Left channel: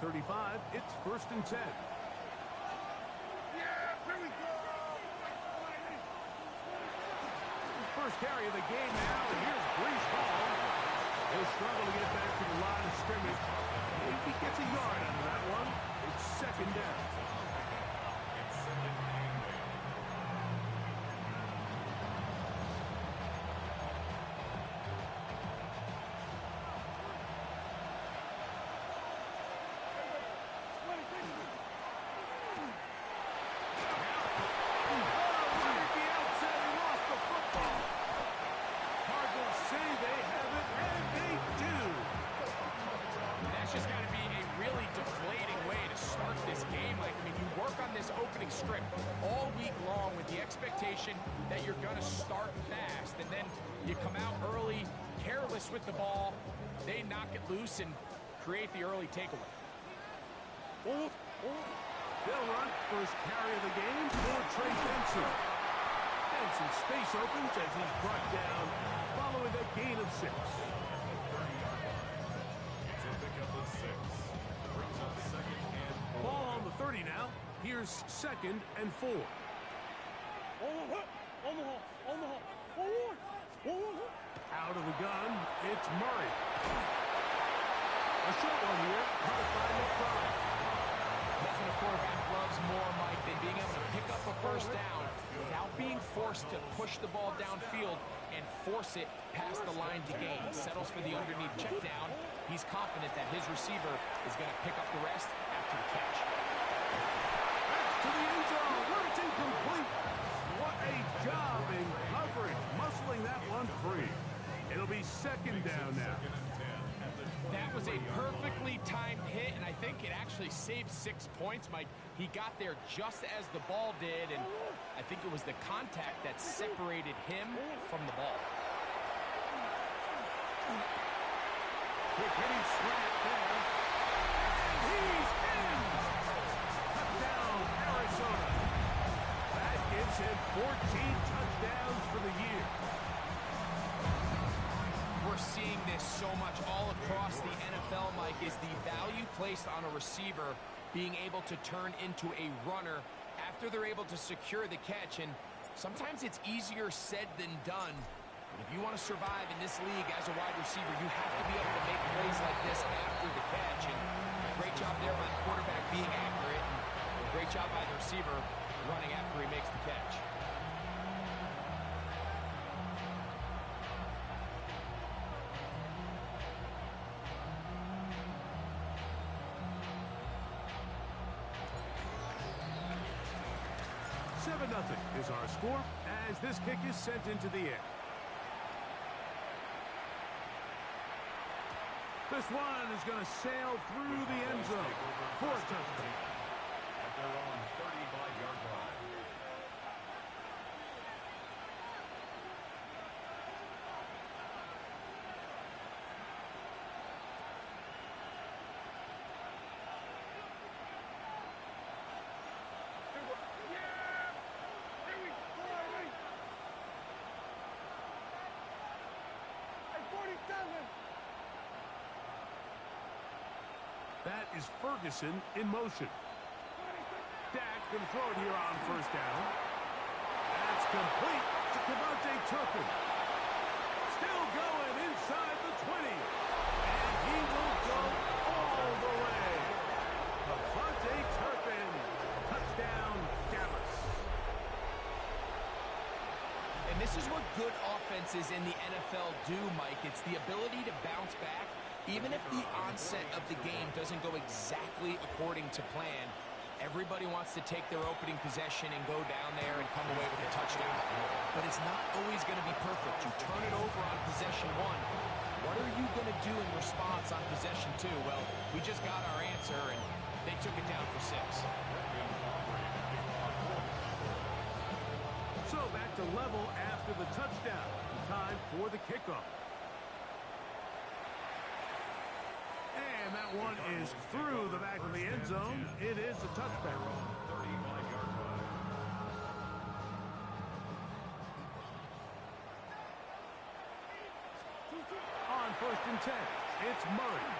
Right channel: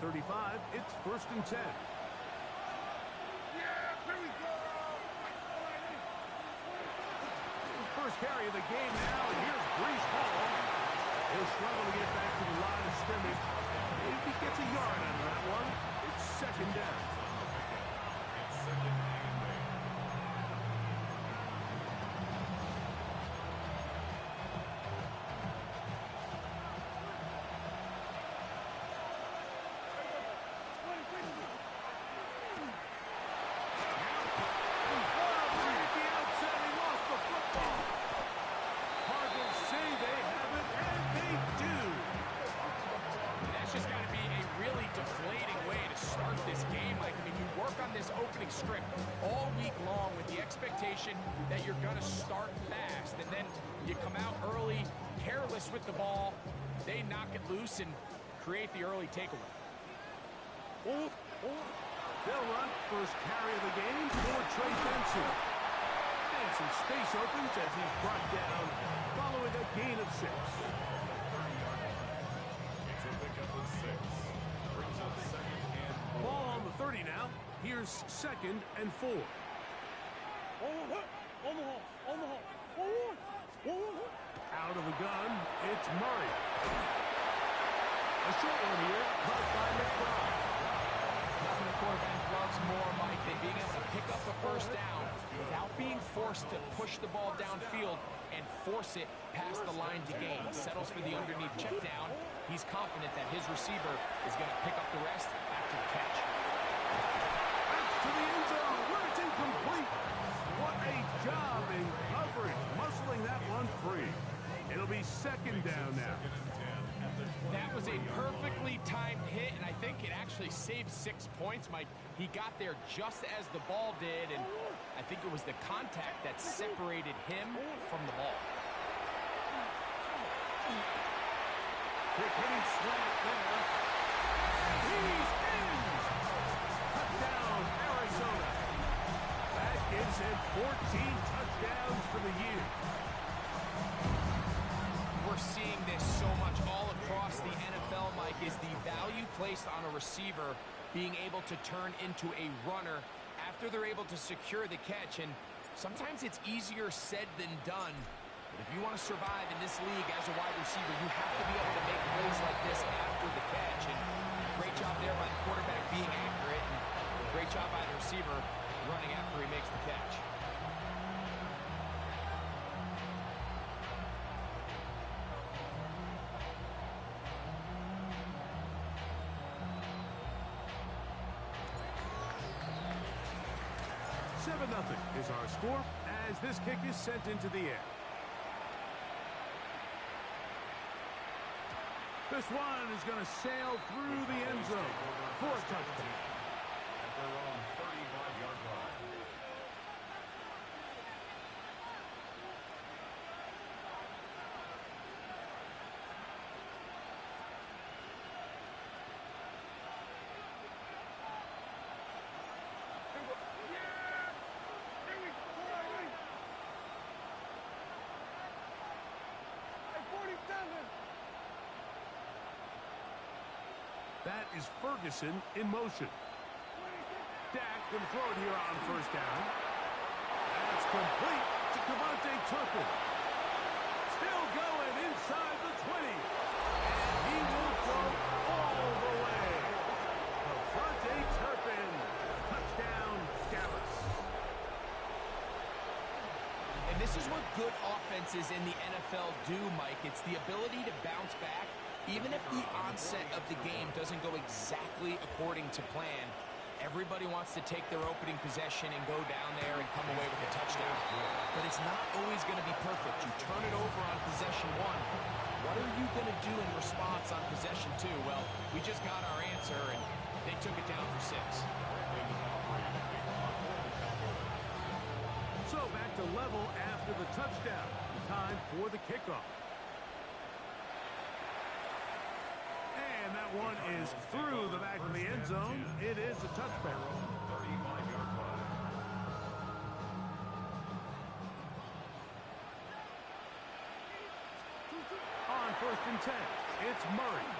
35, it's 1st and 10. Yeah, here we go. First carry of the game now, and here's Brees Hall. He'll struggle to get back to the line of scrimmage. Maybe gets a yard out of that one. It's 2nd down. It's 2nd and 8. Opening script all week long with the expectation that you're going to start fast, and then you come out early, careless with the ball, they knock it loose and create the early takeaway. They'll run first carry of the game for Trey Benson. And some space opens as he's brought down following a gain of 6. It's a pickup of 6. Brings up 2nd and 4. Ball on the 30 now. Here's 2nd and 4. Out of the gun, it's Murray. A short one here, caught by McBride. Nothing a quarterback loves more, Mike, than being able to pick up a first down without being forced to push the ball downfield and force it past the line to gain. He settles for the underneath check down. He's confident that his receiver is going to pick up the rest after the catch. To the end zone, where it's incomplete. What a job in coverage, muscling that one free. It'll be 2nd down now. That was a perfectly timed hit, and I think it actually saved 6 points, Mike. He got there just as the ball did, and I think it was the contact that separated him from the ball. Quick hitting slant there. And he's in! Touchdown, Arizona. That gives him 14 touchdowns for the year. We're seeing this so much all across the NFL, Mike, is the value placed on a receiver being able to turn into a runner after they're able to secure the catch. And sometimes it's easier said than done. But if you want to survive in this league as a wide receiver, you have to be able to make plays like this after the catch. And great job there by the quarterback being accurate. And great job by the receiver running after he makes the catch. Nothing is our score as this kick is sent into the air. This one is going to sail through the end zone for a touchdown. At their own 35-yard line. That is Ferguson in motion. Dak going to throw it here on first down. That's complete to Devontae Turpin. Still going inside the 20. And he will go all the way. Devontae Turpin. Touchdown, Dallas. And this is what good offenses in the NFL do, Mike. It's the ability to bounce back even if the onset of the game doesn't go exactly according to plan. Everybody wants to take their opening possession and go down there and come away with a touchdown. But it's not always going to be perfect. You turn it over on possession 1. What are you going to do in response on possession 2? Well, we just got our answer, and they took it down for 6. So back to level after the touchdown. Time for the kickoff. And that one is through the back of the end zone. It is a touchback. 35-yard line. On 1st and 10, it's Murray.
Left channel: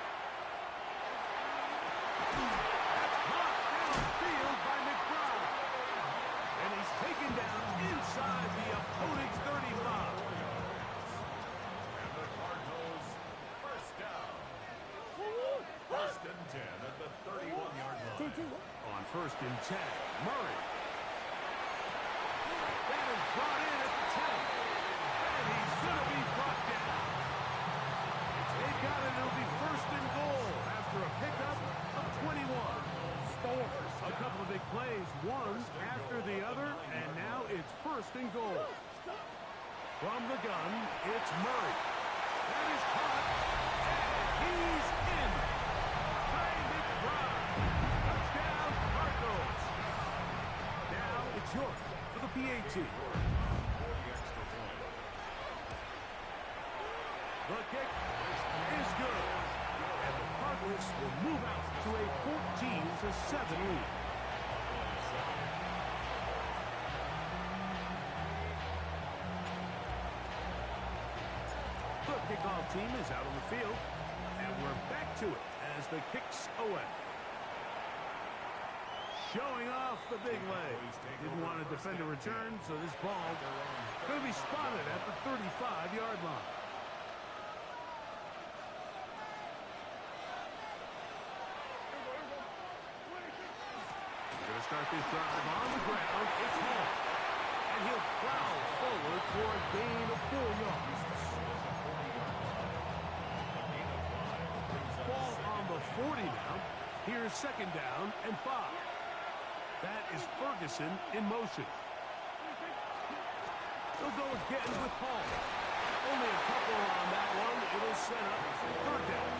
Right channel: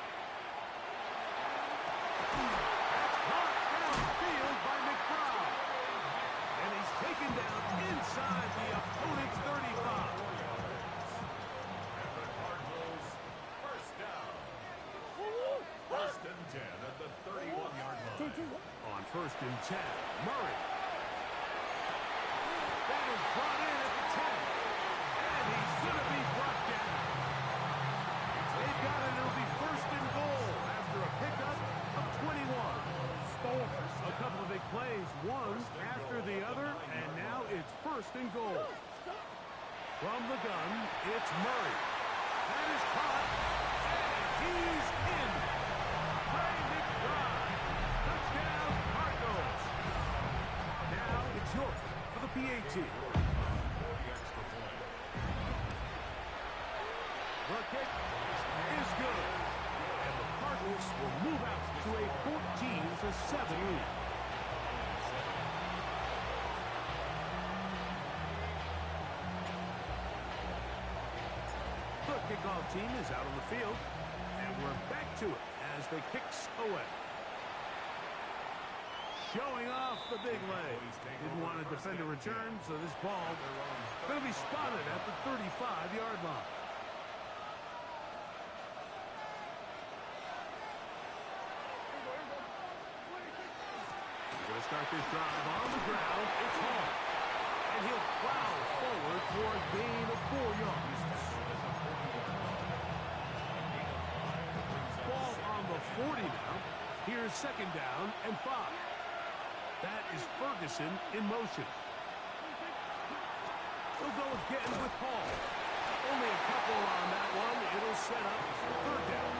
On 1st and 10, Murray. That is brought in at the 10. And he's going to be brought down. They've got it. It'll be 1st and goal after a pickup of 21. A couple of big plays, one after the other, and now it's 1st and goal. From the gun, it's Murray. That is caught, and he's in. Trey McBride. Touchdown, Cardinals. Now it's York for the PAT. The kick is good. And the Cardinals will move out to a 14-7 lead. The kickoff team is out on the field, and we're back to it as the kick's away. Showing off the big leg. Didn't want to defend a return, so this ball going to be spotted at the 35-yard line. We're going to start this drive on the ground. It's Hall. And he'll plow forward for a gain of 4 yards. Ball on the 40 now. Here's 2nd down and 5. That is Ferguson in motion. He'll go again with Hall. Only a couple on that one. It'll set up 3rd down.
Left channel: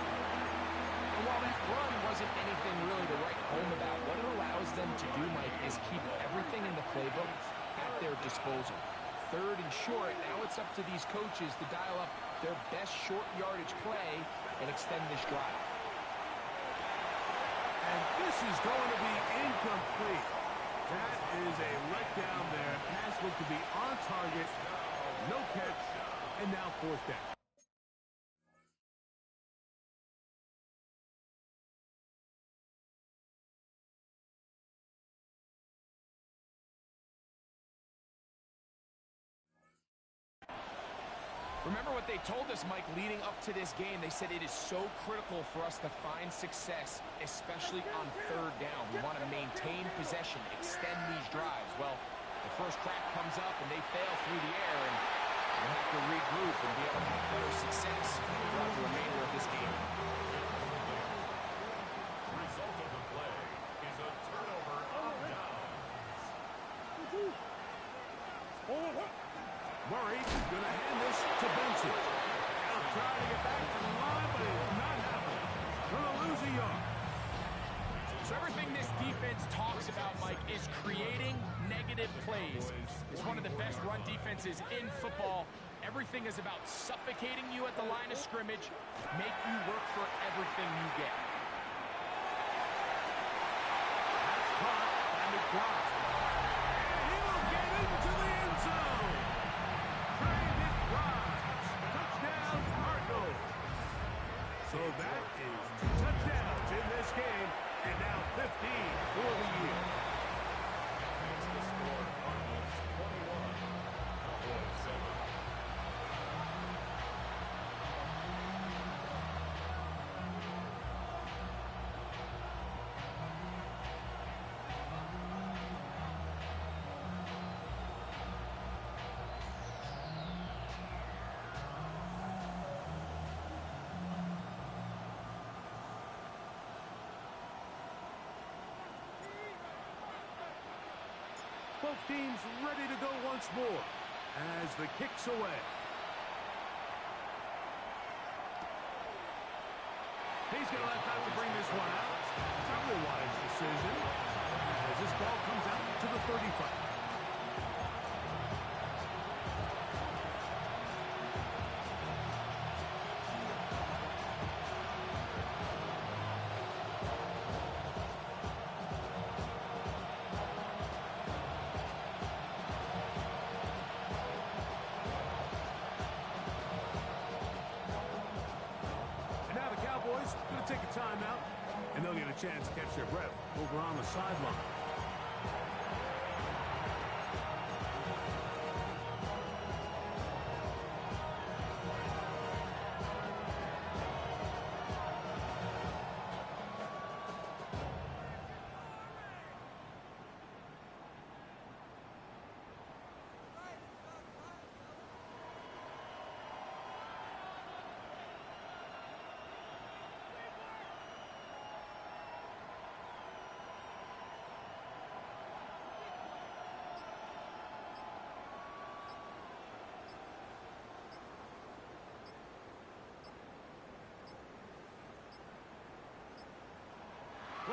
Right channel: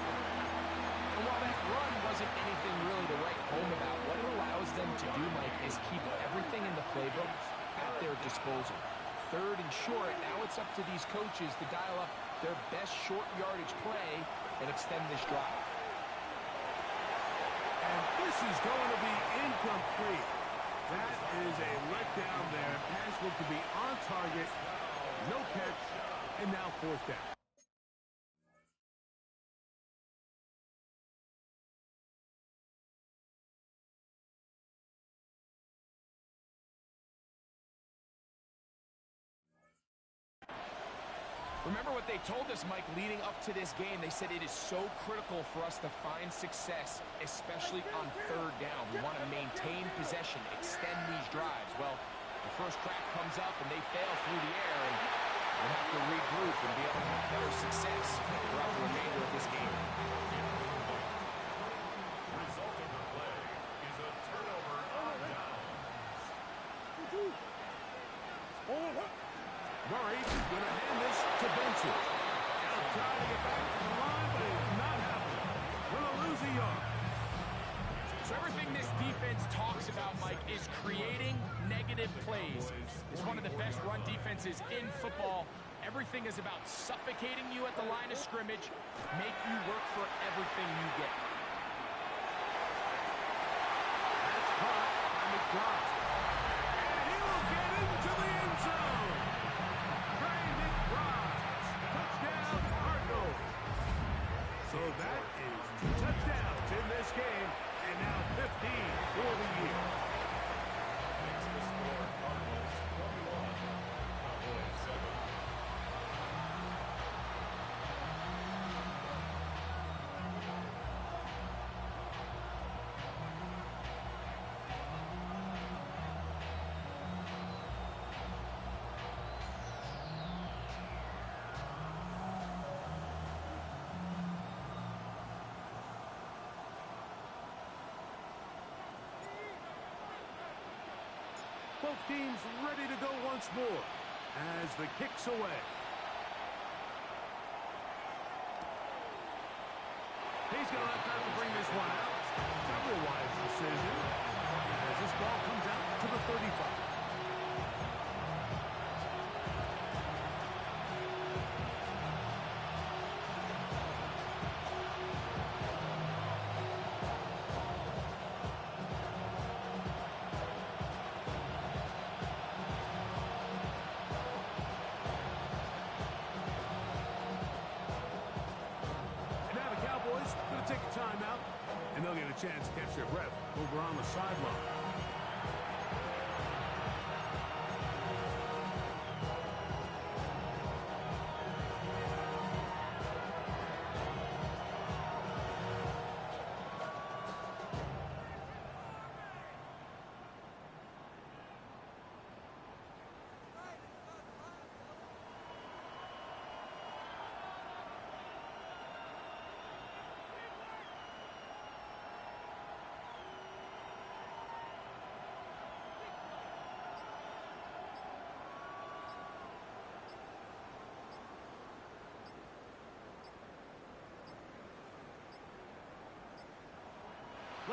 And while that run wasn't anything really to write home about, what it allows them to do, Mike, is keep everything in the playbook at their disposal. 3rd and short, now it's up to these coaches to dial up their best short yardage play and extend this drive. And this is going to be incomplete. That is a letdown there. Pass looked to be on target. No catch. And now 4th down. Remember what they told us, Mike, leading up to this game. They said it is so critical for us to find success, especially on 3rd down. We want to maintain possession, extend these drives. Well, the first crack comes up, and they fail through the air, and we'll have to regroup and be able to have better success throughout the remainder of this game. Result of the play is a turnover on downs. Murray is going to hand this to Benson. He'll try to get back to the line, but it's not happening. Going to lose a yard. So everything this defense talks about, Mike, is creating negative plays. It's one of the best run defenses in football. Everything is about suffocating you at the line of scrimmage, make you work for everything you get. That's caught by McBride. And he will get into the end zone. Trey McBride. Touchdown, Cardinals. So that is 2 touchdowns in this game, and now 15 for the year. Makes the score Cardinals 21, Cowboys 7. Both teams ready to go once more as the kick's away. He's going to let that to bring this one out. Probably a wise decision as this ball comes out to the 35. Cowboys going to take a timeout, and they'll get a chance to catch their breath over on the sideline.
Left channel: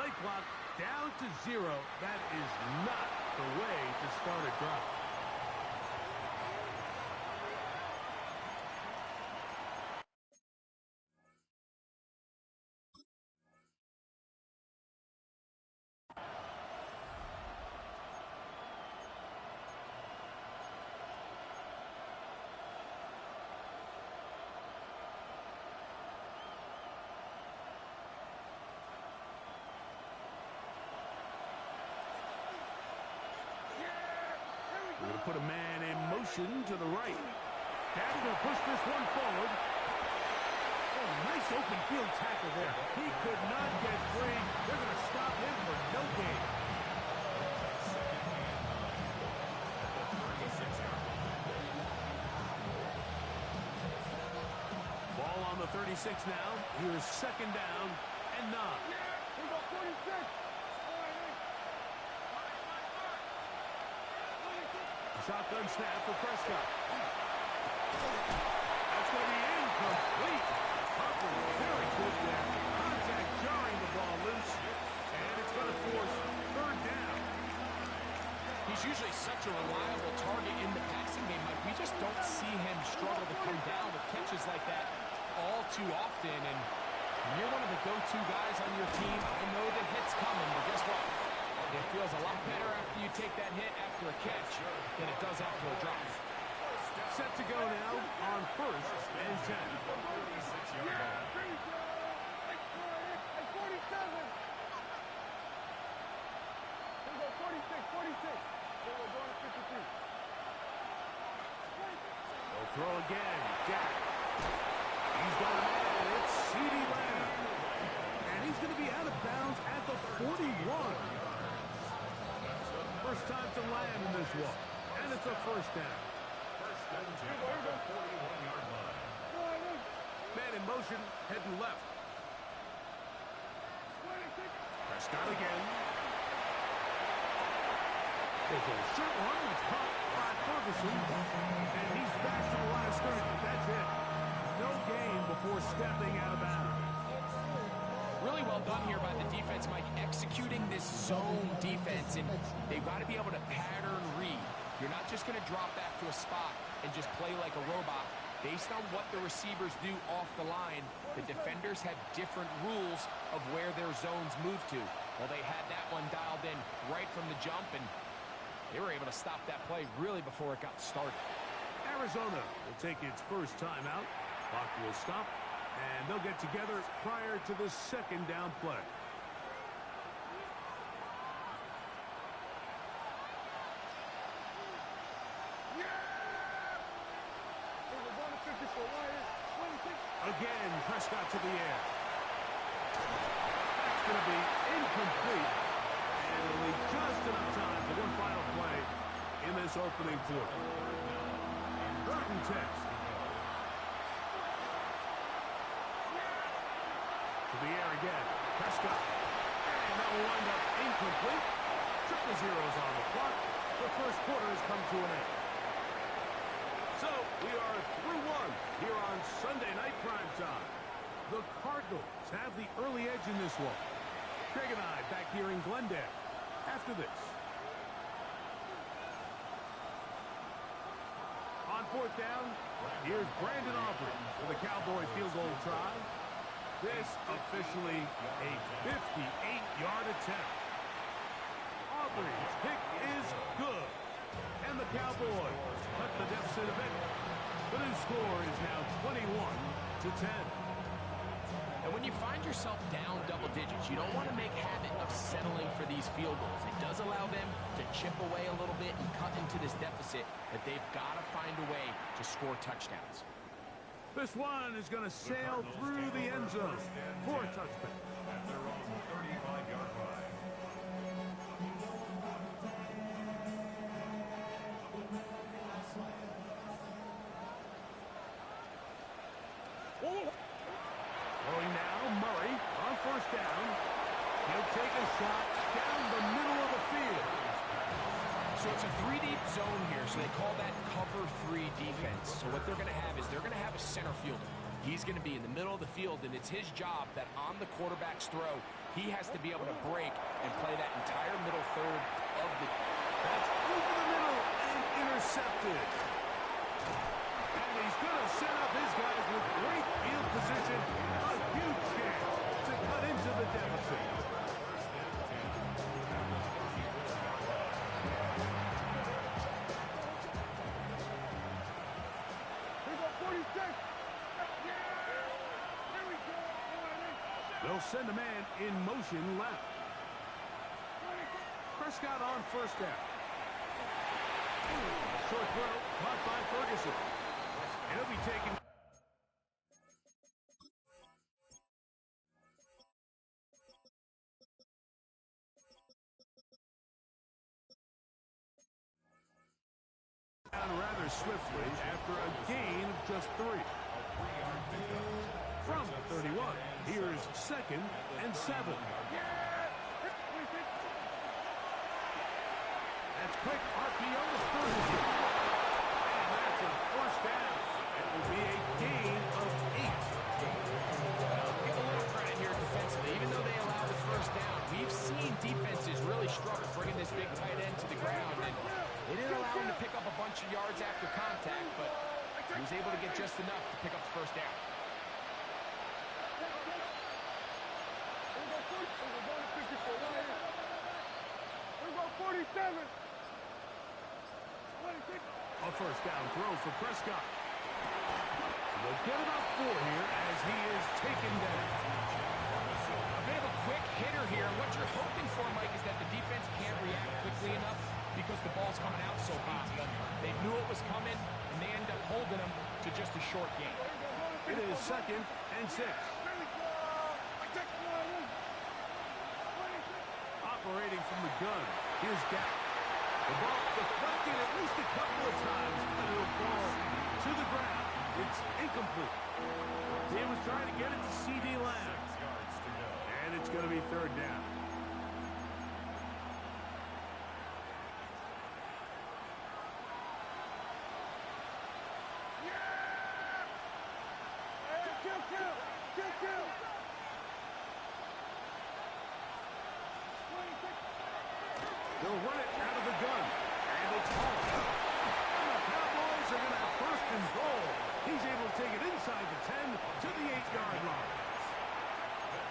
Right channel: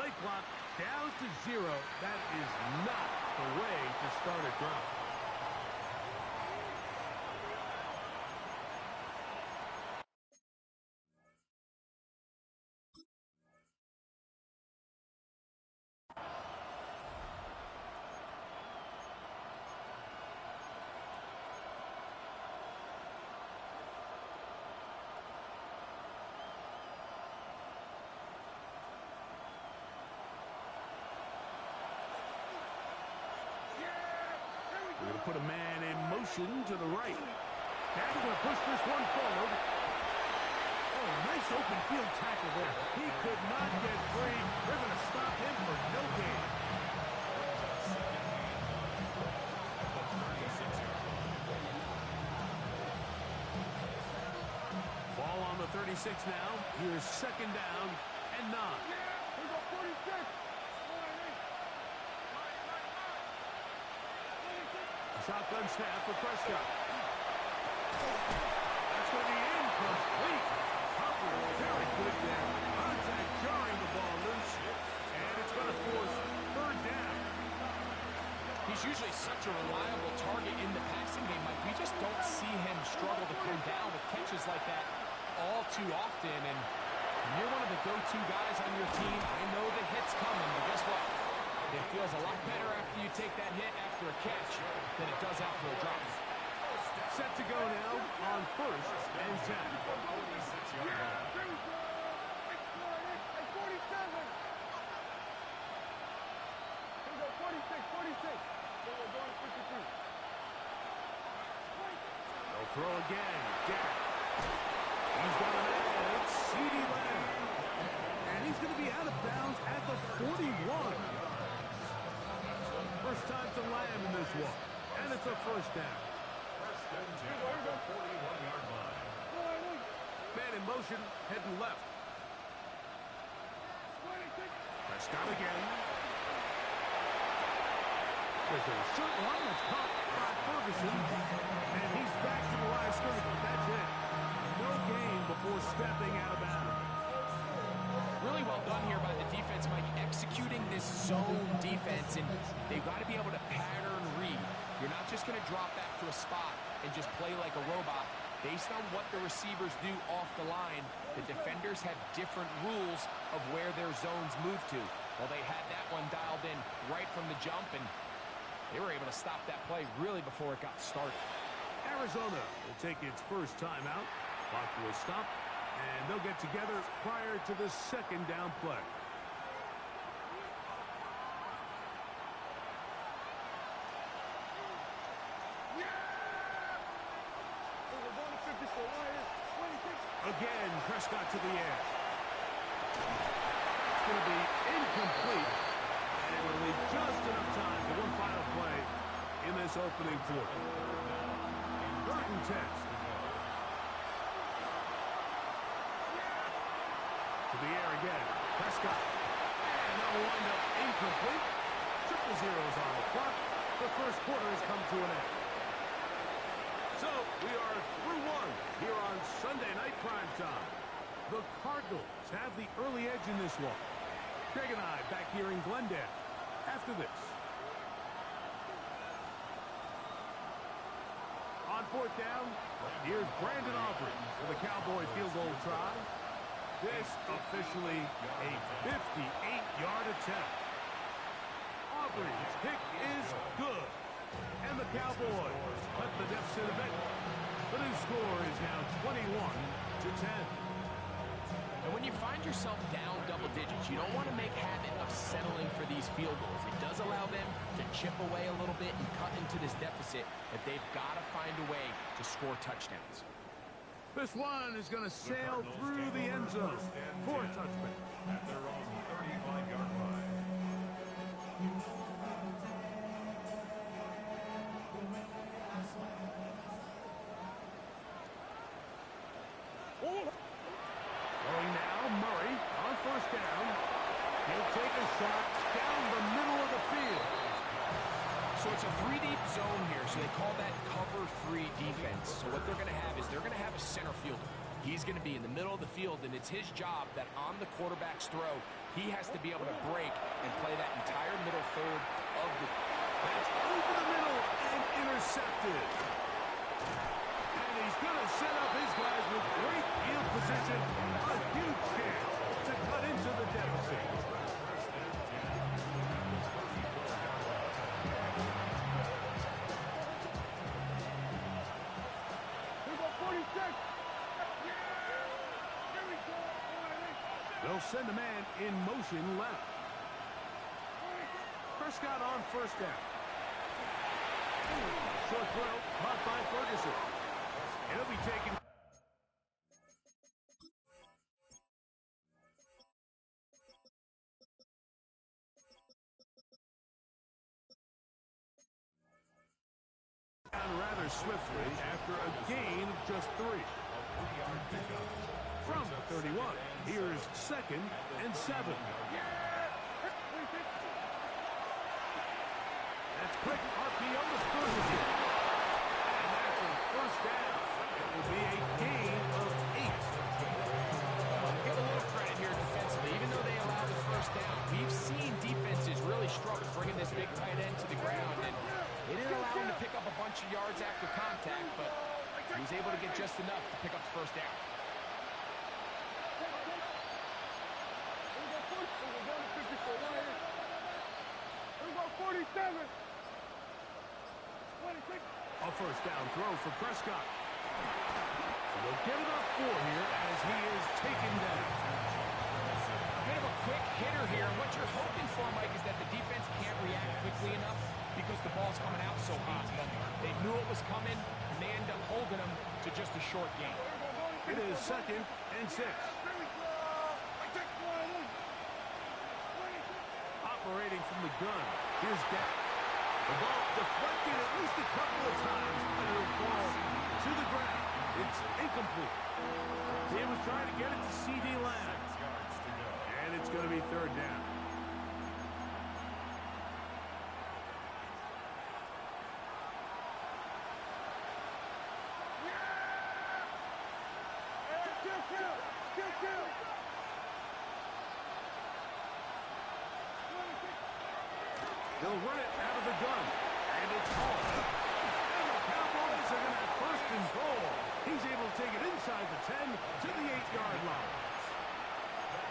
Play clock down to 0. That is not the way to start a drive. We're going to put a man in motion to the right. Dad's going to push this one forward. Oh, nice open field tackle there. He could not get free. They're going to stop him for no gain. Second and 9 at the 36-yard line. Ball on the 36 now. Here's second down and 9. Here's a 46. Shotgun snap for Prescott. That's going to be incomplete. Humphrey very good there. Contact jarring the ball loose. And it's going to force third down. He's usually such a reliable target in the passing game, Mike. We just don't see him struggle to come down with catches like that all too often. And when you're one of the go-to guys on your team, I know the hit's coming, but guess what? It feels a lot better after you take that hit after a catch than it does after a drop. Set to go now on first and 10. 46-yard line. 47. Here's a 46. Then we're going to 53. They'll throw again. Jack. He's got a man. It's CeeDee Lamb. And he's going to be out of bounds at the 41. First time to Lamb in this one. And it's a first down. First and 10 at the 41-yard line. Man in motion, heading left. Prescott again. There's a short one that's caught by Ferguson. And he's back to the line of scrimmage. That's it. No gain before stepping out of bounds. Really well done here by the defense, Mike, executing this zone defense, and they've got to be able to pattern read. You're not just going to drop back to a spot and just play like a robot. Based on what the receivers do off the line, the defenders have different rules of where their zones move to. Well, they had that one dialed in right from the jump, and they were able to stop that play really before it got started. Arizona will take its first timeout. Clock will stop. And they'll get together prior to the second down play. Again, Prescott to the air. That's going to be incomplete. And it'll leave just enough time for one final play in this opening quarter. Third and 10. To the air again. Prescott. And that will wind up incomplete. Triple zeros on the clock. The first quarter has come to an end. So, we are through one here on Sunday Night Primetime. The Cardinals have the early edge in this one. Greg and I back here in Glendale after this. On fourth down, here's Brandon Aubrey for the Cowboy field goal try. This officially a 58-yard attempt. Aubrey's kick is good. And the Cowboys cut the deficit a bit. The new score is now 21-10. And when you find yourself down double digits, you don't want to make habit of settling for these field goals. It does allow them to chip away a little bit and cut into this deficit, but they've got to find a way to score touchdowns. This one is going to sail through the end zone for a touchback. At their own 35-yard line. Throwing now, Murray on first down. He'll take a shot down the middle of the field. So it's a 3-deep zone here, so they call that cover 3 defense. So what they're going to have is they're going to have a center fielder. He's going to be in the middle of the field, and it's his job that on the quarterback's throw, he has to be able to break and play that entire middle third of the... That's over the middle and intercepted. And he's going to set up his guys with great field position. A huge chance to cut into the deficit. Here go 46. Here we go. They'll send a man in motion left. Prescott on first down. Short throw caught by Ferguson. He'll be taken. Down rather swiftly after a gain of just 3. From 31, here's 2nd and 7. That's quick RPO to Ferguson. And that's a first down. It will be a gain of 8. Give a little credit here defensively. Even though they allowed the first down, we've seen defenses really struggle bringing this big tight end to the ground. And they didn't allow him to pick up a bunch of yards after contact, but he was able to get just enough to pick up the first down. Here we go 47. A first down throw for Prescott. And they'll get it up 4 here as he is taken down. A bit of a quick hitter here. What you're hoping for, Mike, is that the defense can't react quickly enough because the ball's coming out so hot. They knew it was coming, and they end up holding them to just a short gain. It is 2nd and 6. Operating from the gun. Here's Dak. The ball deflected at least a couple of times, and it'll fall to the ground. It's incomplete. He was trying to get it to C.D. Lamb. And it's going to be 3rd down. They'll run it out of the gun, and it's hauled. And the Cowboys are going to have 1st and goal. He's able to take it inside the 10 to the 8-yard line.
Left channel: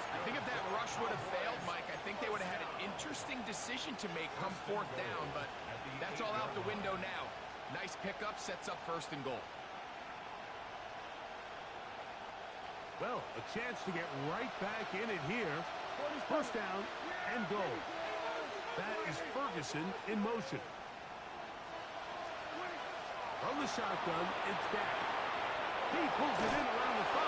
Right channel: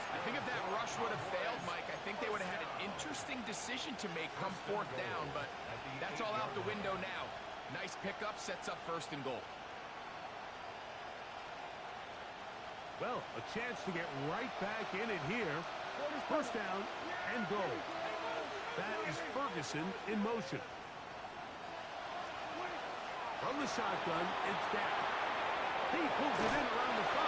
I think if that rush would have failed, Mike, I think they would have had an interesting decision to make come 4th down, but that's all out the window now. Nice pickup, sets up 1st and goal. Well, a chance to get right back in it here. 1st down and goal. That is Ferguson in motion. From the shotgun, it's Dak. He pulls it in around the 5.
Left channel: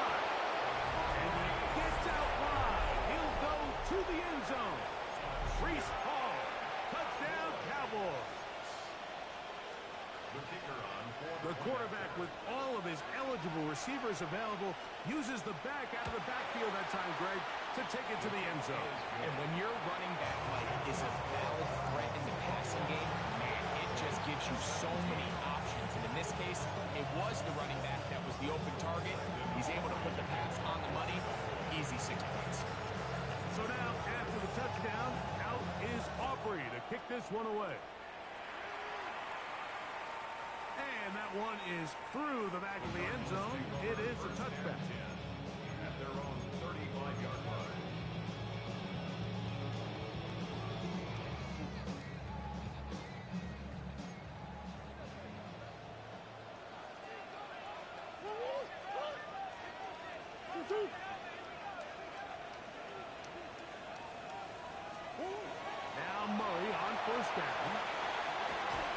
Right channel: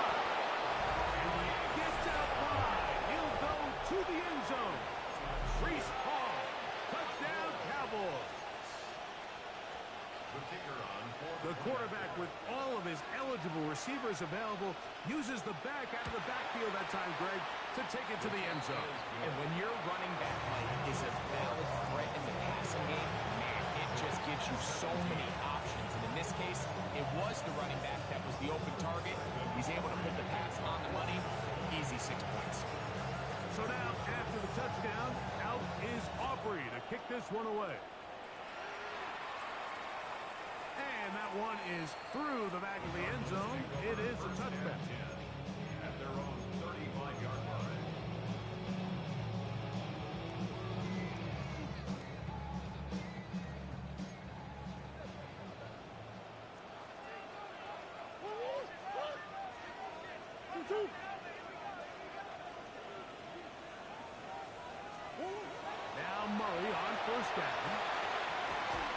And he gets out wide. He'll go to the end zone. Reese Hall. Touchdown, Cowboys. The quarterback, with all of his eligible receivers available, uses the back out of the backfield that time, Greg, to take it to the end zone. And when your running back, Mike, is a valid threat in the passing game, man, it just gives you so many options. And in this case, it was the running back that was the open target. He's able to put the pass on the money. Easy 6 points. So now, after the touchdown, out is Aubrey to kick this one away. And that one is through the back of the end zone. It is a touchback. At their own 35-yard line. Now Murray on 1st down.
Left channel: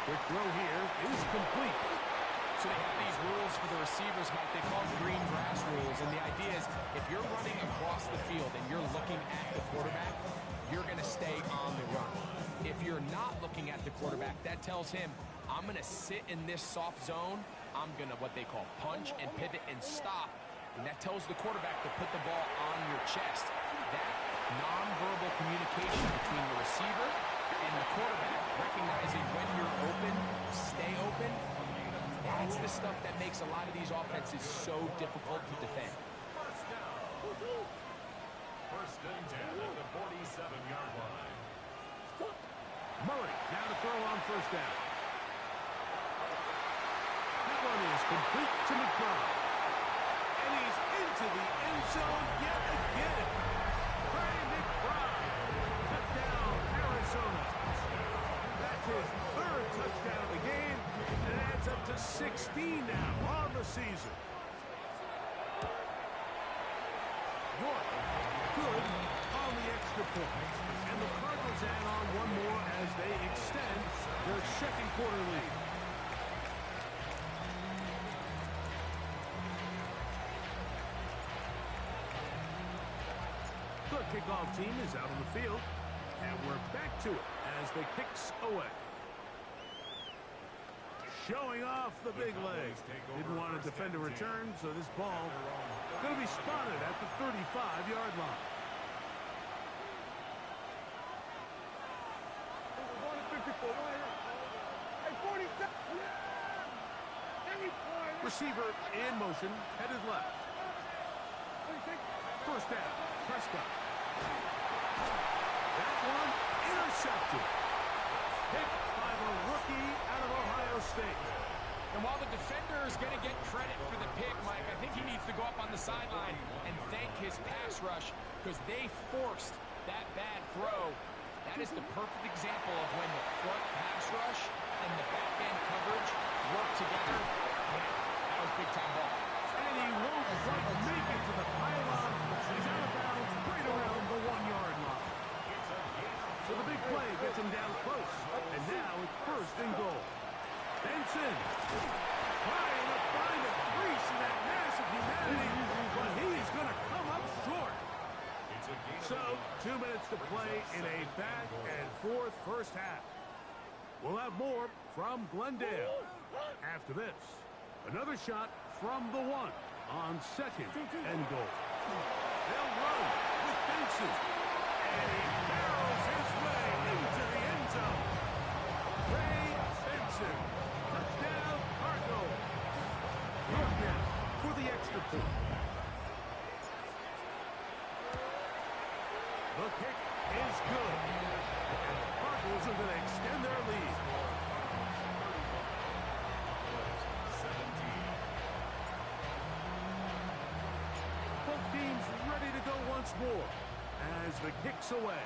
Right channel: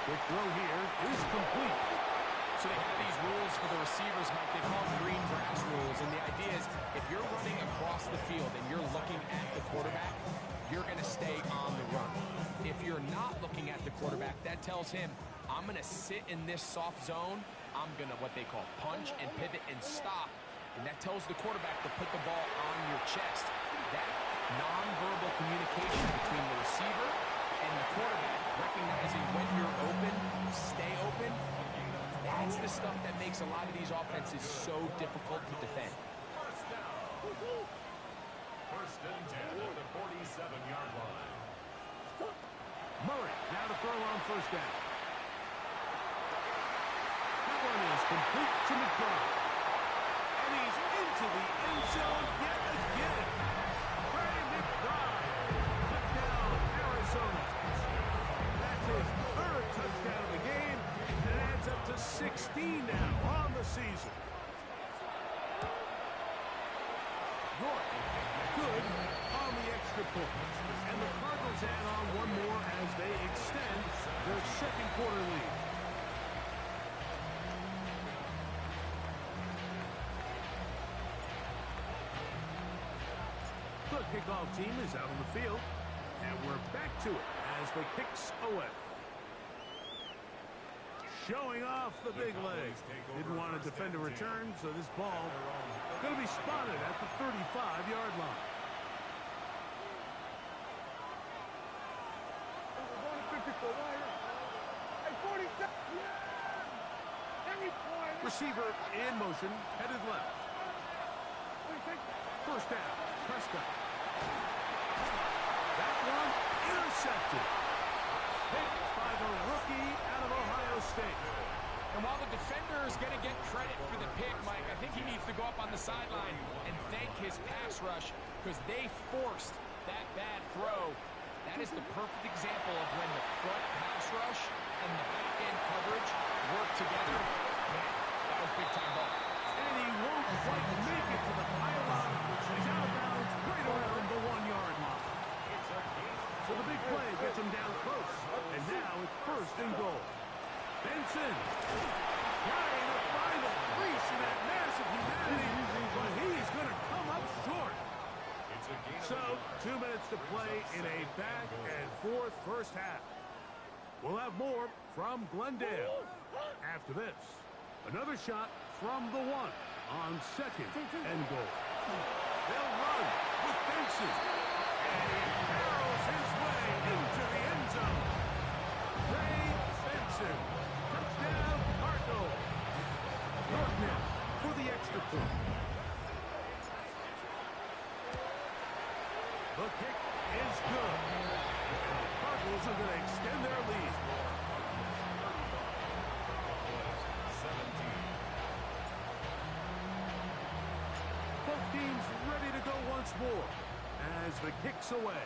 Quick throw here is complete. So they have these rules for the receivers, Mike. They call them green grass rules. And the idea is if you're running across the field and you're looking at the quarterback, you're going to stay on the run. If you're not looking at the quarterback, that tells him, I'm going to sit in this soft zone. I'm going to what they call punch and pivot and stop. And that tells the quarterback to put the ball on your chest. That nonverbal communication between the receiver and the quarterback, recognizing when you're open, stay open, that's the stuff that makes a lot of these offenses so difficult to defend. First and 10 at the 47-yard line. Murray now to throw on first down. That one is complete to McBride. And he's into the end zone yet again. Trey McBride. Touchdown, Arizona. That's his third touchdown of the game, and it adds up to 16 now on the season. York, good on the extra point. And the Cardinals add on one more as they extend their second quarter lead. The kickoff team is out on the field, and we're back to it as the kicks away. Showing off the big leg. Didn't want to defend a return, so this ball going to be spotted at the 35-yard line. We're going to 54. Hey, 47. Receiver in motion, headed left. First down, Prescott. That one intercepted. Picked by the rookie out of Ohio State. And while the defender is going to get credit for the pick, Mike, I think he needs to go up on the sideline and thank his pass rush because they forced that bad throw. That is the perfect example of when the front pass rush and the back end coverage work together. Man, that was big-time ball. And he won't quite make it to the pylon. He's out of bounds right around the 1-yard line. So the big play gets him down close. And now it's first and goal. Benson trying to find a crease in that mass of humanity, but he's going to come up short. So 2 minutes to play in a back-and-forth first half. We'll have more from Glendale after this. Another shot from the 1 on second and goal. They'll run with Benson. And he barrels his way into the end zone. Trey Benson. Touchdown, Cardinals. York now for the extra point. The kick is good. And the Cardinals are going to extend their lead. 17. Both teams ready to go once more as the kick's away.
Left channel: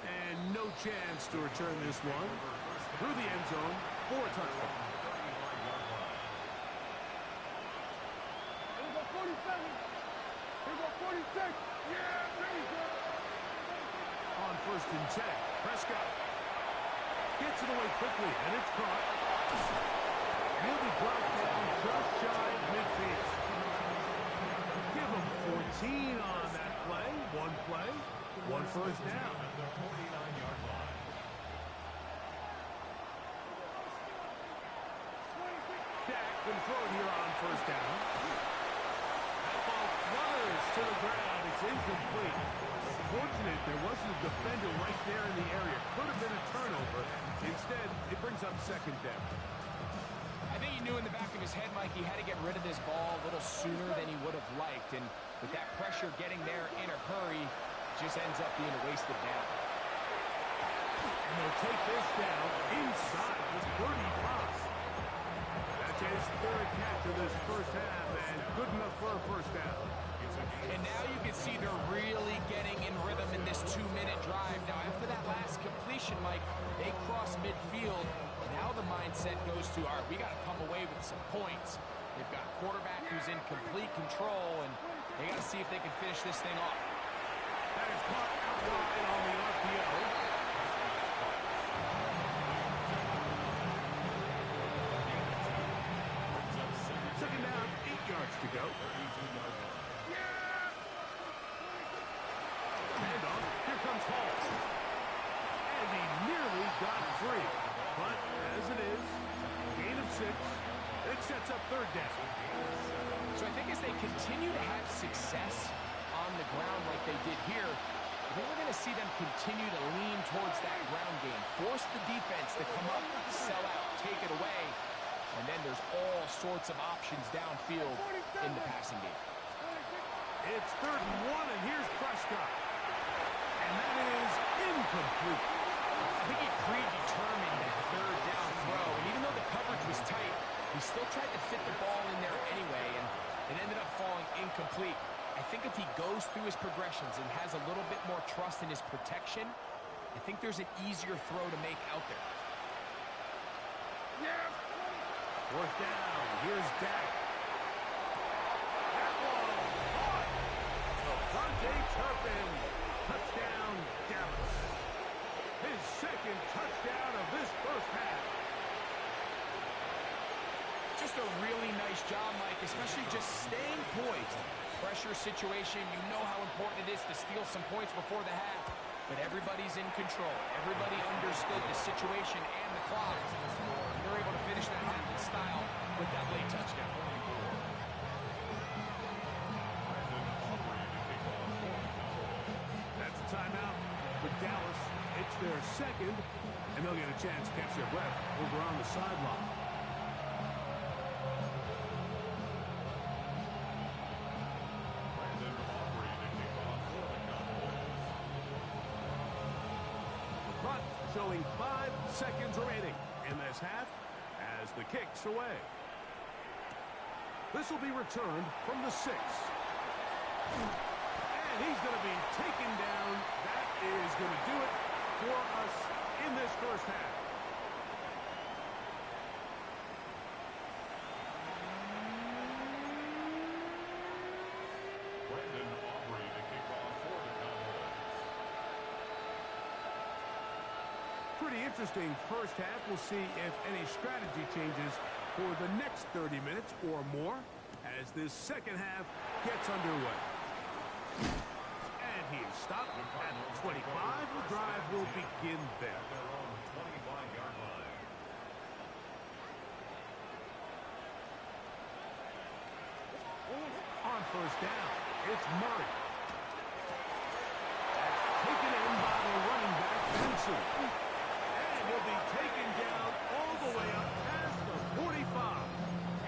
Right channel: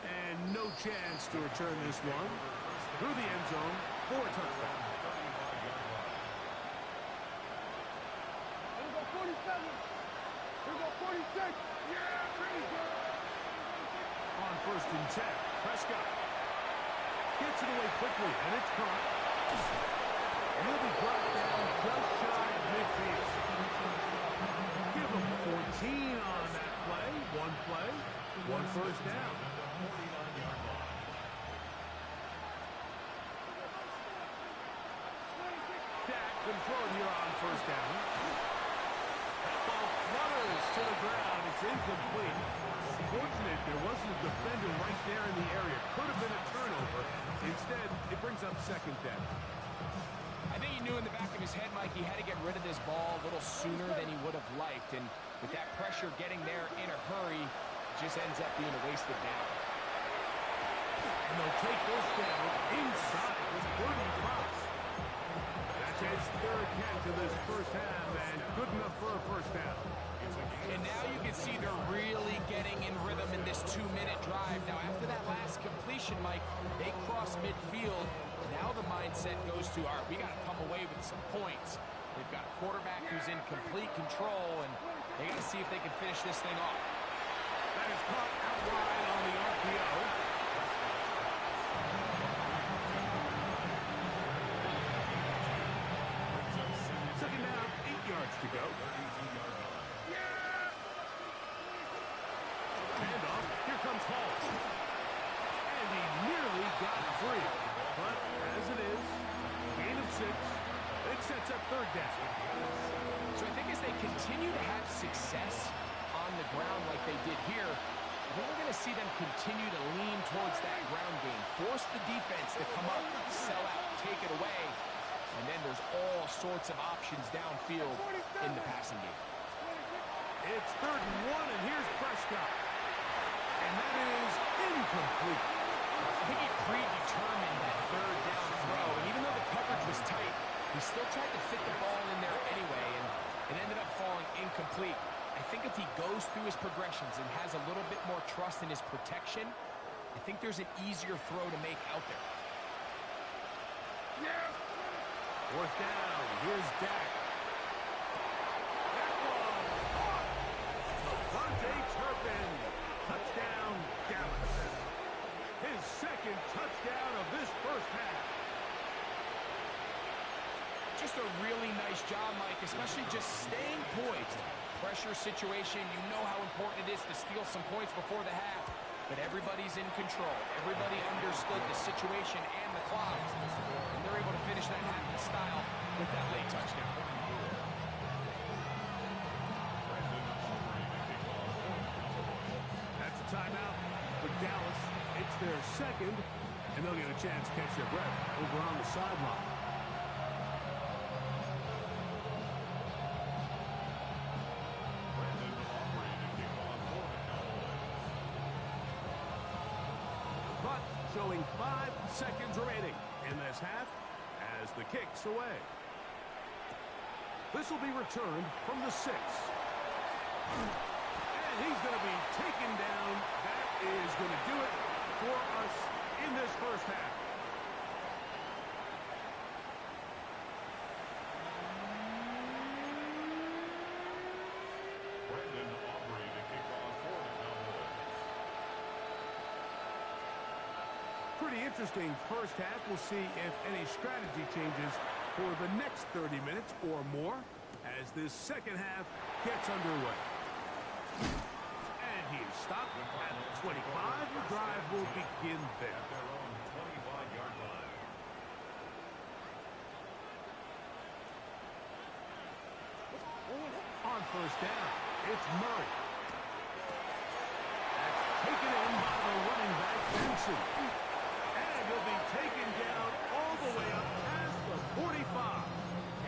And no chance to return this one through the end zone for a touchdown. Here we go, 47. Here we go, 46. Yeah, pretty good. On first and 10, Prescott gets it away quickly, and it's caught. He'll be brought down just shy of midfield. Give him 14 on that play. One play, one first down. The 49-yard line. Dak can throw it here on first down. That ball flutters to the ground. It's incomplete. Fortunate there wasn't a defender right there in the area. Could have been a turnover. Instead, it brings up second down. I think he knew in the back of his head, Mike, he had to get rid of this ball a little sooner than he would have liked. And with that pressure getting there in a hurry, it just ends up being a wasted down. And they'll take this down inside with Birdie Fox. That's his third catch of this first half, and good enough for a first down. And now you can see they're really getting in rhythm in this 2-minute drive. Now, after that last completion, Mike, they cross midfield. Now the mindset goes to, all right, we got to come away with some points. They've got a quarterback who's in complete control, and they got to see if they can finish this thing off. That is caught out wide on the RPO. Second down, 8 yards to go. 32-yard line. Handoff. Here comes Hall. And he nearly got free. But as it is, gain of 6. It sets up third down. So I think as they continue to have success on the ground like they did here, I think we're going to see them continue to lean towards that ground game. Force the defense to come up, sell out, take it away. And then there's all sorts of options downfield in the passing game. It's 3rd and 1, and here's Prescott. And that is incomplete. I think he predetermined that 3rd down throw, and even though the coverage was tight, he still tried to fit the ball in there anyway, and it ended up falling incomplete. I think if he goes through his progressions and has a little bit more trust in his protection, I think there's an easier throw to make out there. Yes. 4th down. Here's Dak. That one caught. Devontae Turpin. Touchdown, Dallas. His 2nd touchdown of this first half. Just a really nice job, Mike, especially just staying poised. Pressure situation, you know how important it is to steal some points before the half, but everybody's in control. Everybody understood the situation and the clock, and they're able to finish that half in style with that late touchdown. That's a timeout for Dallas. It's their 2nd, and they'll get a chance to catch their breath over on the sideline. Showing 5 seconds remaining in this half as the kick's away. This will be returned from the 6. And he's going to be taken down. That is going to do it for us in this first half. Pretty interesting first half. We'll see if any strategy changes for the next 30 minutes or more as this second half gets underway. And he is stopped at 25. The drive will begin there. At their own 25-yard line. On first down, it's Murray. That's taken in by the running back, Benson. And he'll be taken down all the way up past the 45.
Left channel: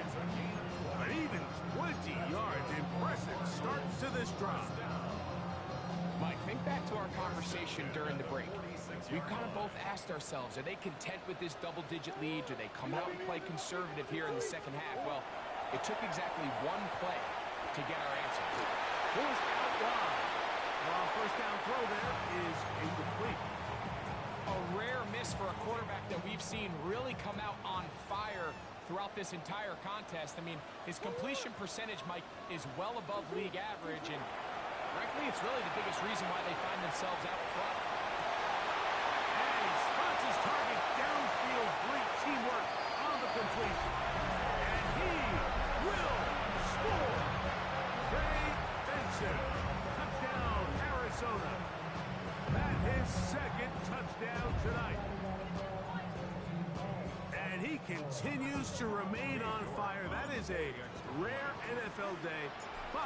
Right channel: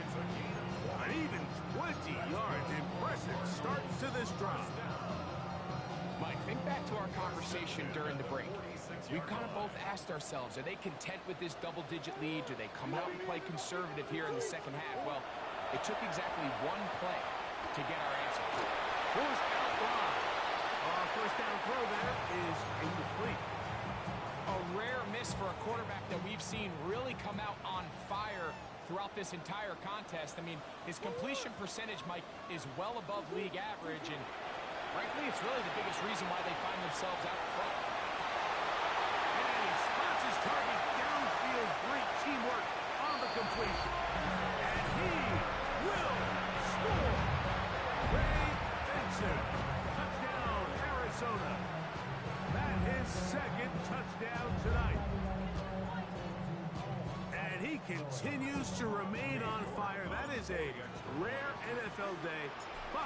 It's a gain of 20. An even 20 yards. Impressive start to this drive. Mike, think back to our conversation during the break. We've kind of both asked ourselves, are they content with this double-digit lead? Do they come out and play conservative here in the second half? Well, it took exactly one play to get our answer. Forced out wide. First down throw there is incomplete. A rare miss for a quarterback that we've seen really come out on fire throughout this entire contest. I mean, his completion percentage, Mike, is well above league average, and frankly, it's really the biggest reason why they find themselves out front. And he spots his target downfield. Great teamwork on the completion. And he will score. Ray Benson. Touchdown, Arizona. That his second touchdown tonight. And he continues to remain on fire. That is a rare NFL day. 5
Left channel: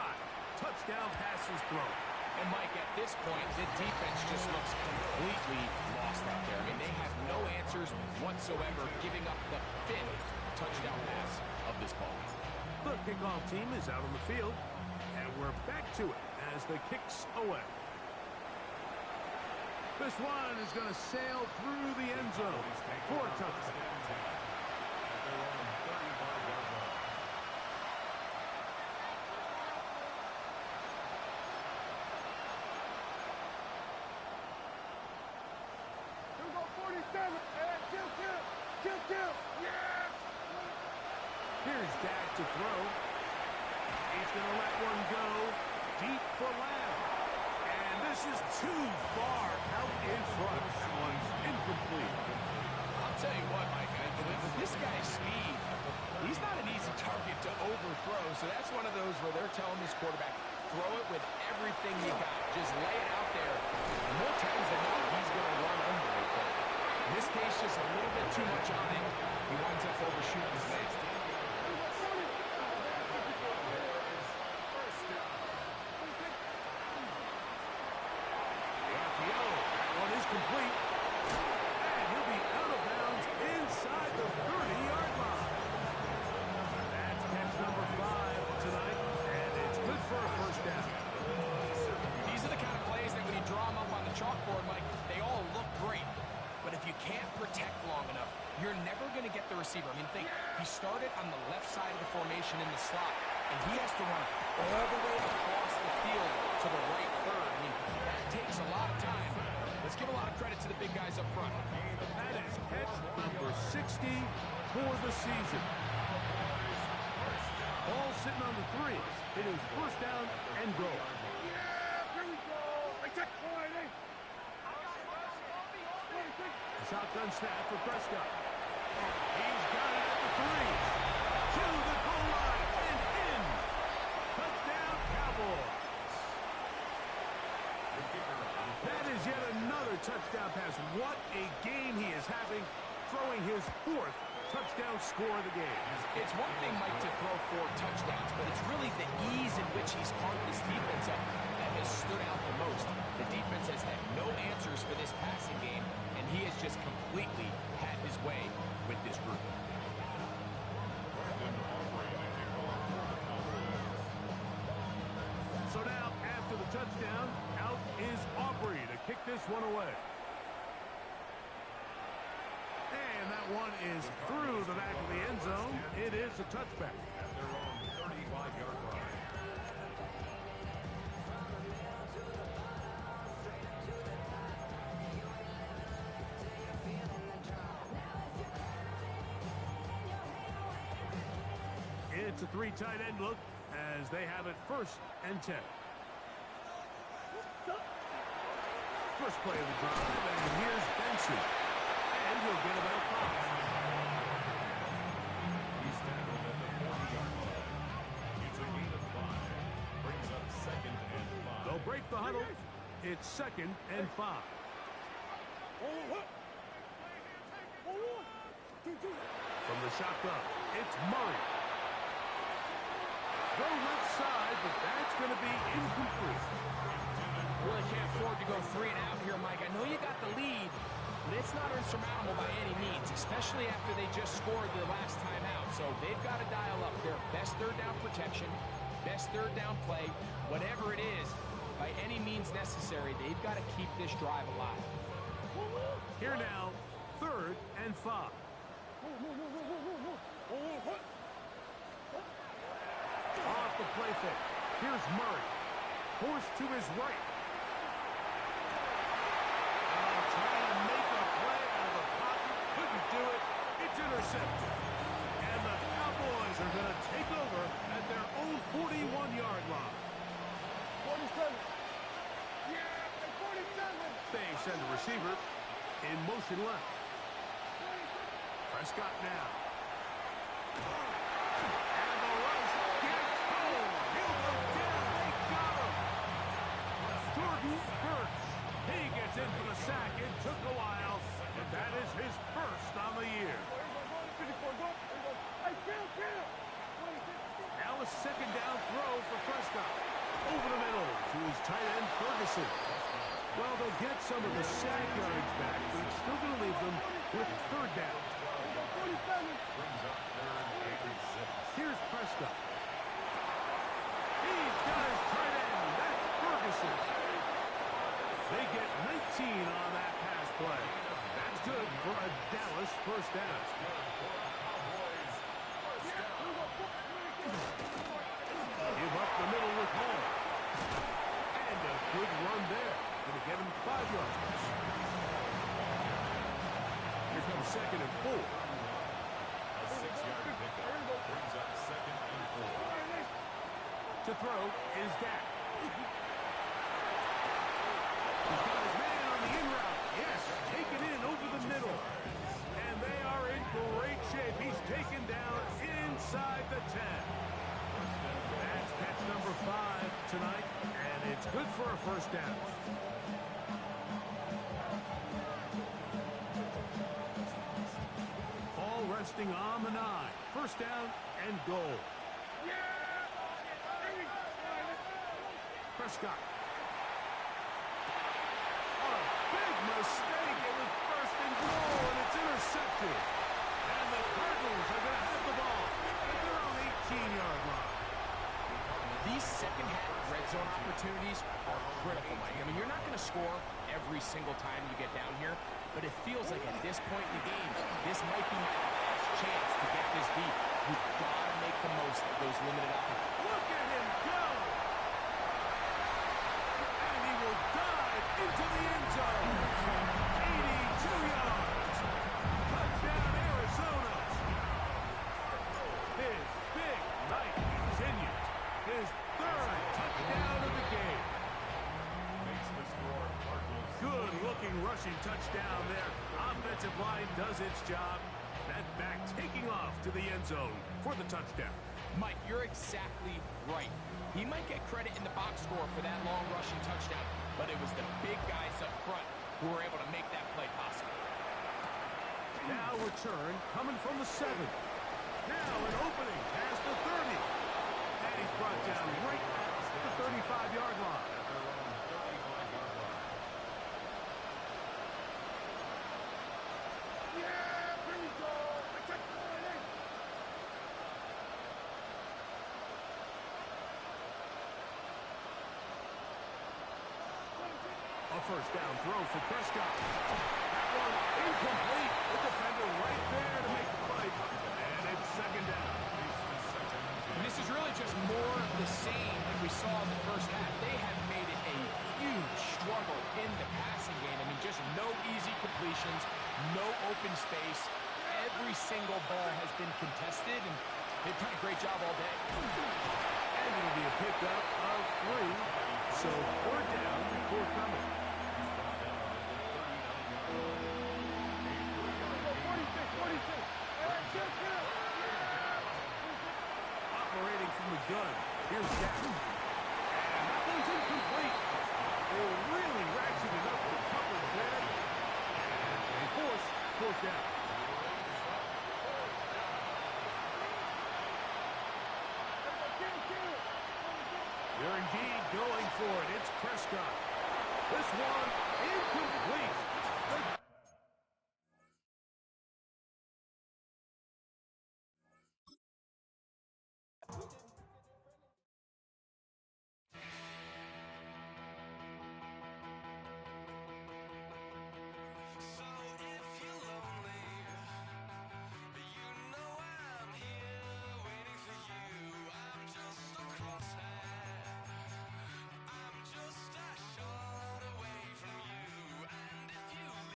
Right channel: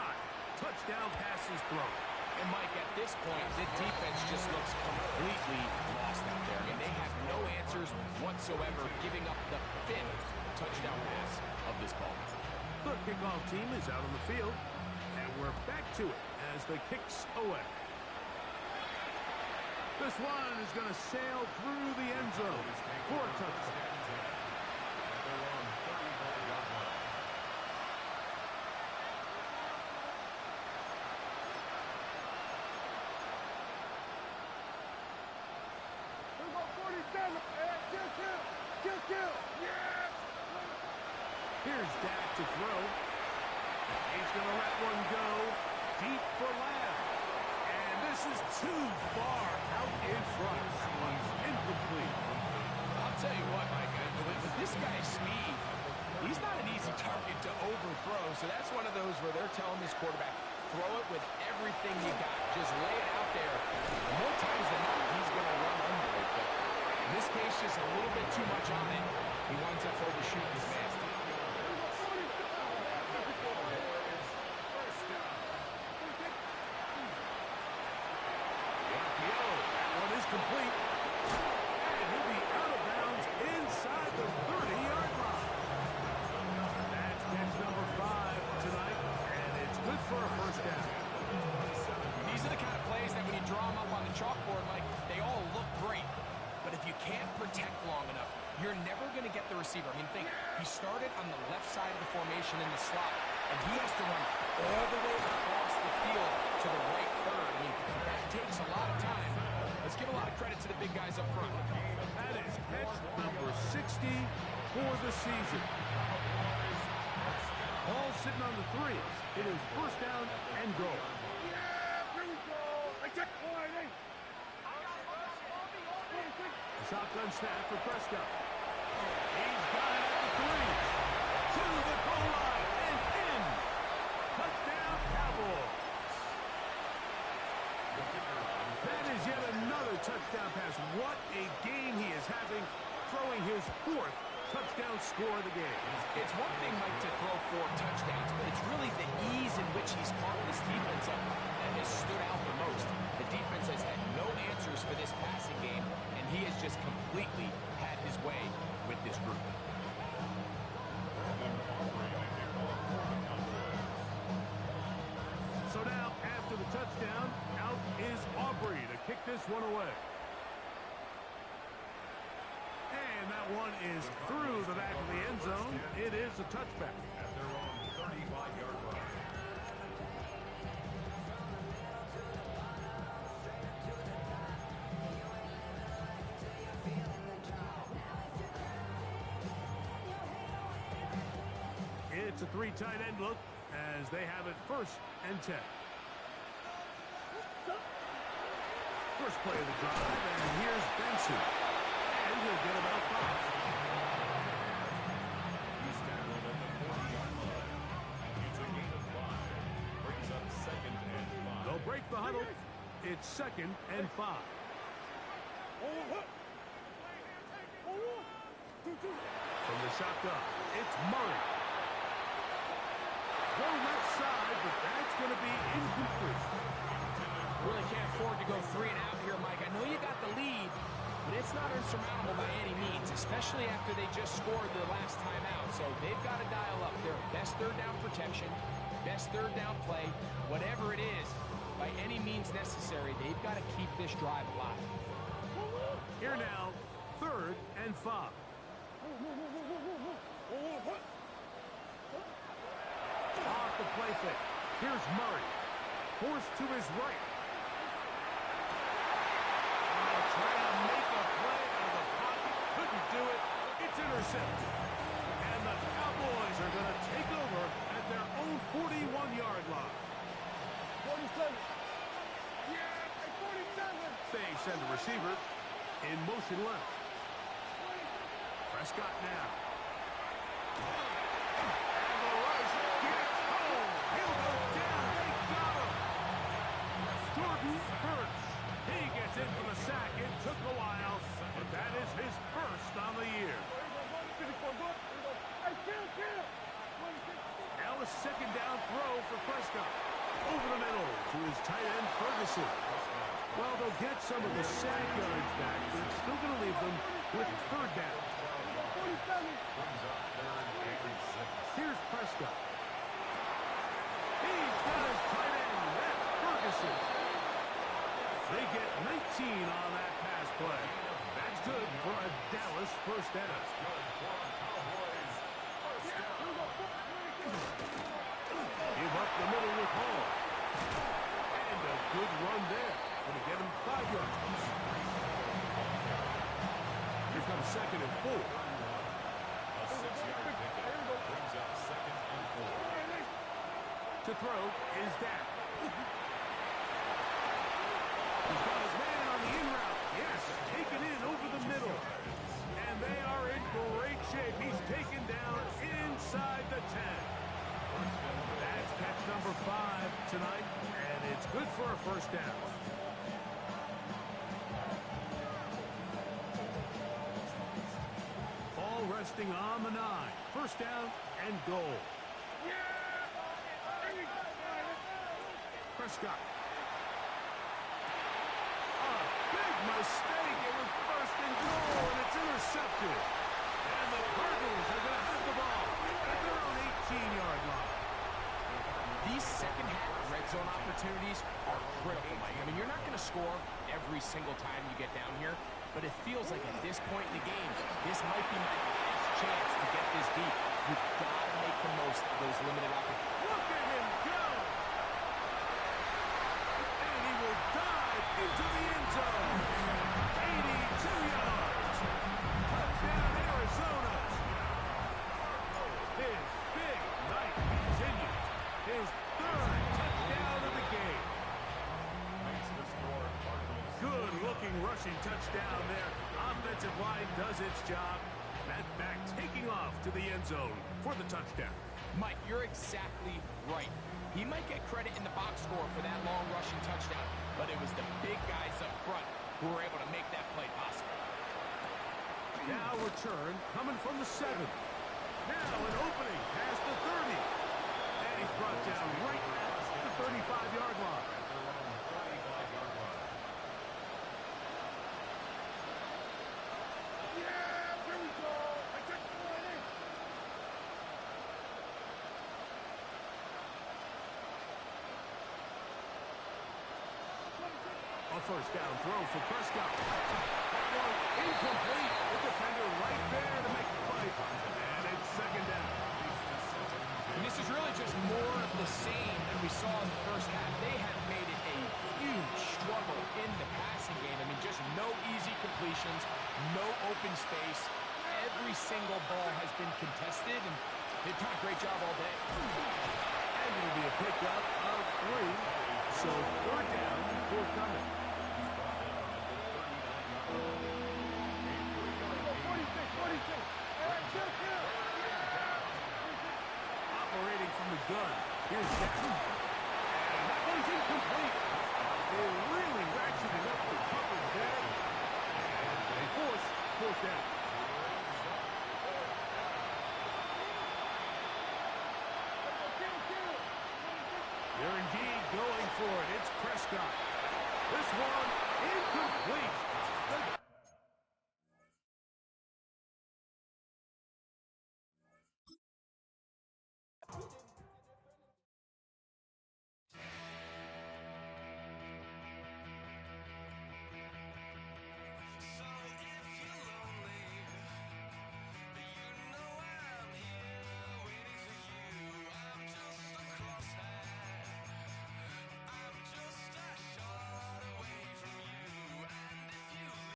touchdown passes thrown. And Mike, at this point, the defense just looks completely lost out there. I mean, they have no answers whatsoever, giving up the 5th touchdown pass of this ball. The kickoff team is out on the field, and we're back to it as the kick's away. This one is going to sail through the end zone for a touchdown. At their own 35-yard line. Here we go, 47. Hey, kill. Yes! Here's Dak to throw. He's going to let one go deep for Lamb. And this is too far out in front. That one's incomplete. I'll tell you what, Mike, with this guy's speed, he's not an easy target to overthrow. So that's one of those where they're telling this quarterback, throw it with everything you got. Just lay it out there. And more times than not, he's going to run under it. But in this case, just a little bit too much on it. He winds up overshooting his man. Is complete, and he'll be out of bounds inside the 30-yard line. catch number 5 tonight, and it's good for a first down. These are the kind of plays that when you draw them up on the chalkboard, Mike, they all look great. But if you can't protect long enough, you're never going to get the receiver. I mean, think, he started on the left side of the formation in the slot, and he has to run all the way across the field to the right third. I mean, that takes a lot of time. Let's give a lot of credit to the big guys up front. That is catch number 60 for the season. Ball sitting on the 3. It is first down and goal. Yeah, here we go. I check. All right, hey. Shotgun snap for Prescott. He's got it at the 3. To the goal line and in. Touchdown, Cowboys. That is yet another touchdown pass. What a game he is having, throwing his 4th touchdown score of the game. It's one thing, Mike, to throw 4 touchdowns, but it's really the ease in which he's carved this defense up that has stood out the most. The defense has had no answers for this passing game, and he has just completely had his way with this group. So now, after the touchdown, out is Aubrey to kick this one away. And that one is through the back of the end zone. It is a touchback. At their own 35-yard line. It's a 3 tight end look as they have it first and 10. First play of the drive, and here's Benson. And he'll get about 5. He's tackled at the 40-yard line. It's a gain of 5. Brings up 2nd and 5. They'll break the huddle. It's 2nd and 5. From the shotgun, it's Murray. Throw left side, but that's going to be incomplete. Really can't afford to go 3 and out here, Mike. I know you got the lead, but it's not insurmountable by any means, especially after they just scored their last time out. So they've got to dial up their best third down protection, best third down play, whatever it is, by any means necessary. They've got to keep this drive alive. Here now, 3rd and 5. Off the play fake. Here's Murray. Forced to his right. Trying to make a play out of the pocket. Couldn't do it. It's intercepted. And the Cowboys are going to take over at their own 41-yard line. 47. Yeah, 47. They send a receiver in motion left. Prescott now. And the rush gets home. He'll go down. They got him. Jordan Burks. He gets in for the sack. It took a while, but that is his first on the year. Now a 2nd down throw for Prescott. Over the middle to his tight end, Ferguson. Well, they'll get some of the sack yards back, but it's still going to leave them with 3rd down. Brings up 3rd and 6. Here's Prescott. He's got his tight end. That's Ferguson. They get 19 on that pass play. That's good for a Dallas first down. That's good for a Cowboys first down. Give up the middle with Hall. And a good run there. Going to get him 5 yards. Here comes 2nd and 4. A 6-yard pickup brings up 2nd and 4. To throw is Dak. He's got his man on the in route. Yes, taken in over the middle. And they are in great shape. He's taken down inside the 10. That's catch number 5 tonight, and it's good for a first down. All resting on the 9. First down and goal. Prescott. A big mistake. It was first and goal, and it's intercepted. And the Cardinals are going to have the ball at their own 18-yard line. These second-half red zone opportunities are critical, Mike. I mean, you're not going to score every single time you get down here, but it feels like at this point in the game, this might be my last chance to get this deep. You've got to make the most of those limited opportunities. Look at him go! And he will dive into the end zone. 82 yards. Touchdown, Arizona. His big night continues. His third touchdown of the game. Makes the score Cardinals. Good-looking rushing touchdown there. Offensive line does its job. That back taking off to the end zone for the touchdown. Mike, you're exactly right. He might get credit in the box score for that long rushing touchdown, but it was the big guys up front who were able to make that play possible. Now return coming from the 7. Now an opening past the 30. And he's brought down right at the 35-yard line. At their own 35-yard line. Yeah, here we go. I check the line. A first down throw for Prescott. That one incomplete. The defender right there to make the play. And it's second down. And this is really just more of the same that we saw in the first half. They have made it a huge struggle in the passing game. I mean, just no easy completions, no open space. Every single ball has been contested, and they've done a great job all day. And it'll be a pickup of 3. So third down forthcoming. He's brought down at the 39-yard line. 46. All right, check here. Operating from the gun. Here's Dak. And that one's incomplete. They really ratcheted up the coverage there. And they force fourth down. They're indeed going for it. It's Prescott. This one incomplete. The